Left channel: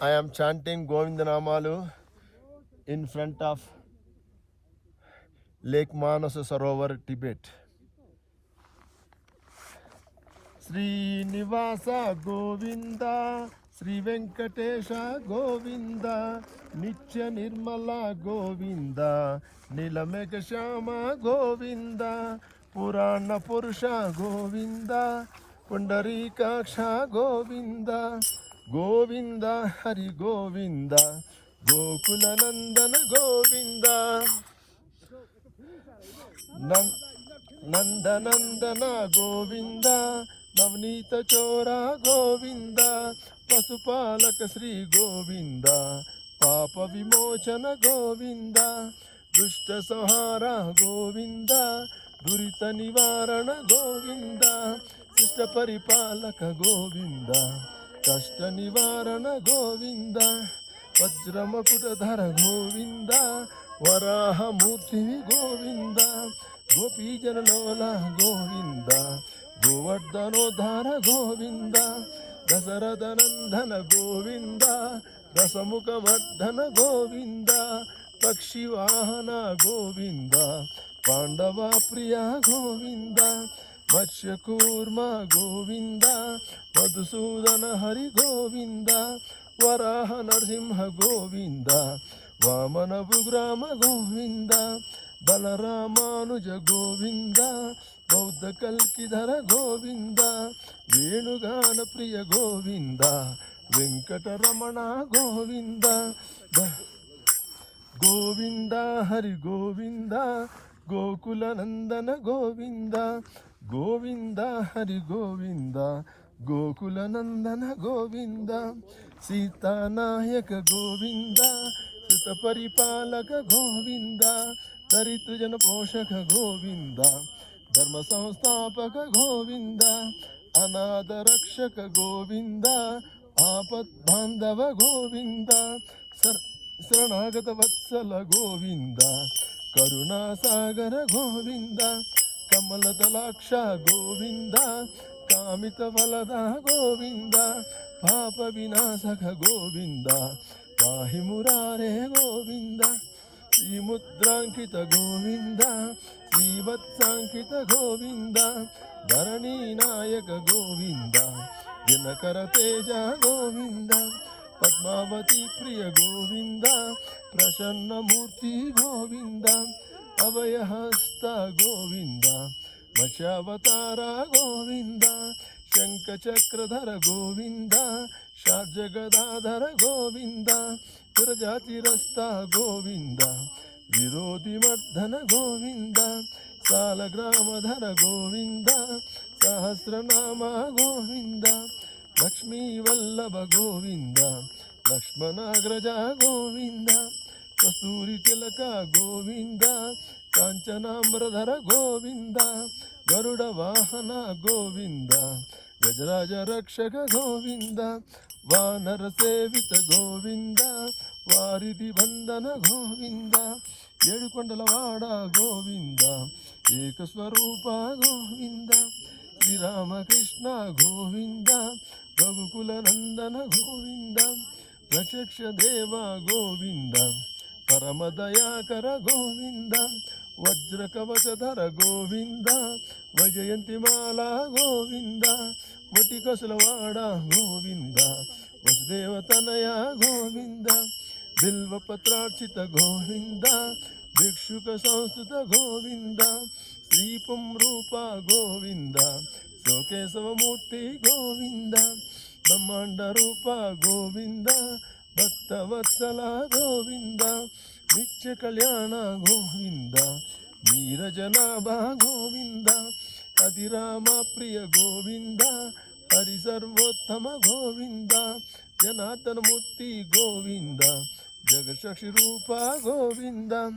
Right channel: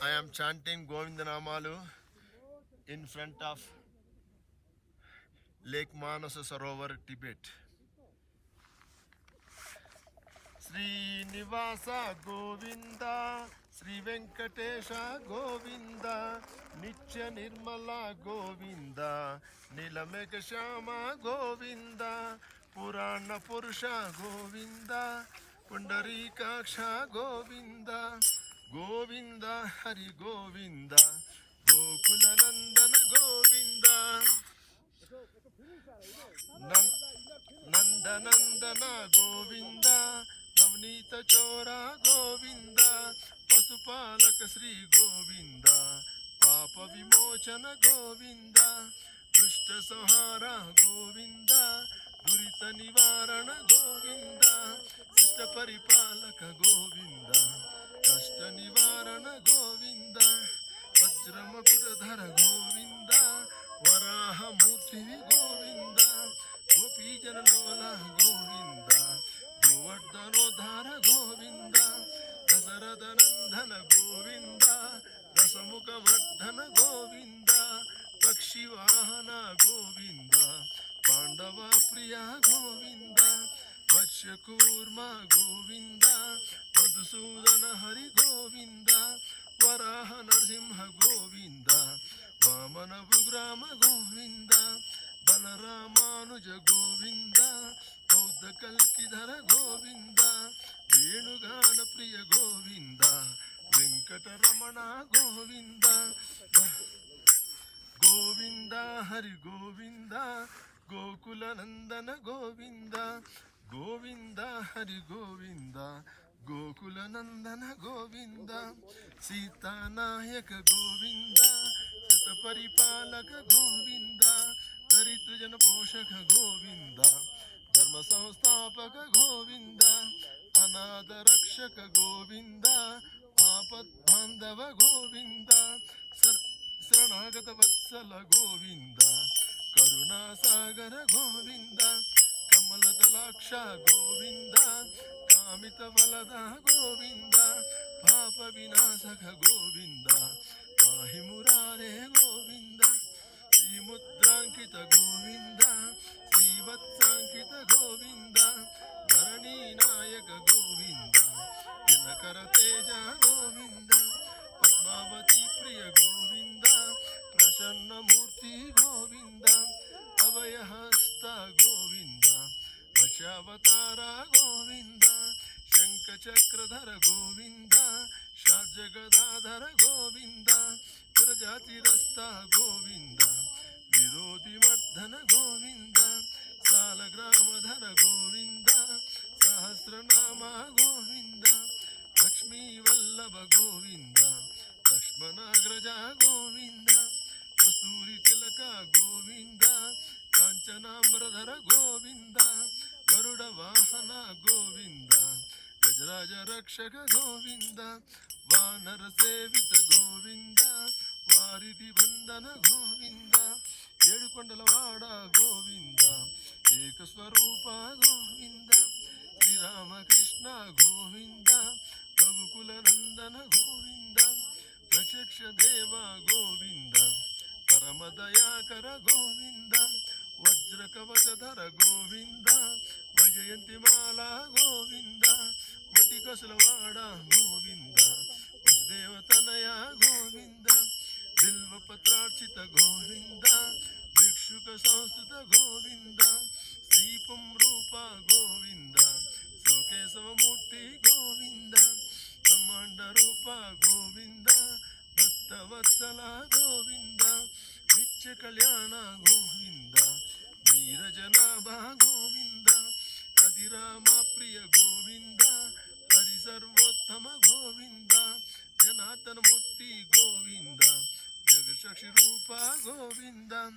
I am chanting Govindanamalu in front of Lake Manasa Sarovar, Tibet. Srinivasa Govinda, Sri Venkatesha Govinda, Nitya Nirmala Govinda, Nilameka Shama Govinda, Purana Purusha Govinda, Pundarikaksha Govinda, Govinda Hari Govinda, Gokula Nandana Govinda, Nandanandana Govinda, Navnita Chora Govinda, Pasupalaka Sri Govinda, Papa Vimochana Govinda, Dushta Sahara Govinda, Durita Nivarana Govinda, Sista Paripalaka Govinda, Kashta Nivarana Govinda, Vajramakutadhara Govinda, Varaha Murti Govinda, Gopijanalola Govinda, Govardhanodhara Govinda, Dasarathanandana Govinda, Dasamukhamardhana Govinda, Pakshivahana Govinda, Pandava Priya Govinda, Matsyakurma Govinda, Madhusudana Hari Govinda, Varaha Narsimha Govinda, Vamana Bugrama Govinda, Balaramanuja Govinda, Bauddha Kalkidhara Govinda, Venugana Priya Govinda, Venkataramana Govinda, Govinda Hari Govinda, Gokula Nandana Govinda, Govinda Hari Govinda, Gokula Nandana Govinda, Sita Nayaka Govinda, Sita Paripalaka Govinda, Daritrajana Poshaka Govinda, Dharma Samstapaka Govinda, Anada Rakshaka Govinda, Apat Bandhava Govinda, Saranagata Vatsala Govinda, Karuna Sagara Govinda, Kamalatalaksha Govinda, Kamita Valada Govinda, Papa Vinasaka Govinda, Pahimurare Govinda, Srimudrankita Govinda, Srivatsankita Govinda, Dharani Nayaka Govinda, Dinakara Teja Govinda, Padmavati Priya Govinda, Prasanna Murti Govinda, Abhayahasta Govinda, Vachavatara Govinda, Shankachakradhara Govinda, Shajagadadhara Govinda, Virajatirasta Govinda, Virodhi Mardhana Govinda, Salagramadhara Govinda, Sahasranama Govinda, Lakshmi Vallabha Govinda, Lakshmanagraja Govinda, Kasturi Tilaka Govinda, Kanchanamradhara Govinda, Garuda Vahana Govinda, Gajaraja Rakshaka Govinda, Vanara Sevita Govinda, Varidhi Bandhana Govinda, Yedukondalawada Govinda, Ekaswarupa Govinda, Sri Ramakrishna Govinda, Ragukula Nandana Govinda, Raksha Deva Govinda, Paramadayakara Govinda, Vajrakavachadhara Govinda, Vajayantimala Govinda, Vatikasalavada Govinda, Vasudevatanaya Govinda, Bilvapatrarchita Govinda, Bhikshuka Sanstuta Govinda, Sripam Rupa Govinda, Sokesavamurti Govinda, Brahmanda Rupa Govinda, Bhakta Vatsala Govinda, Nitya Kalyana Govinda, Neerajanabha Govinda, Adirama Priya Govinda, Hari Sarvottama Govinda, Janatana Murti Govinda, Jagasakshi Rupa Govinda,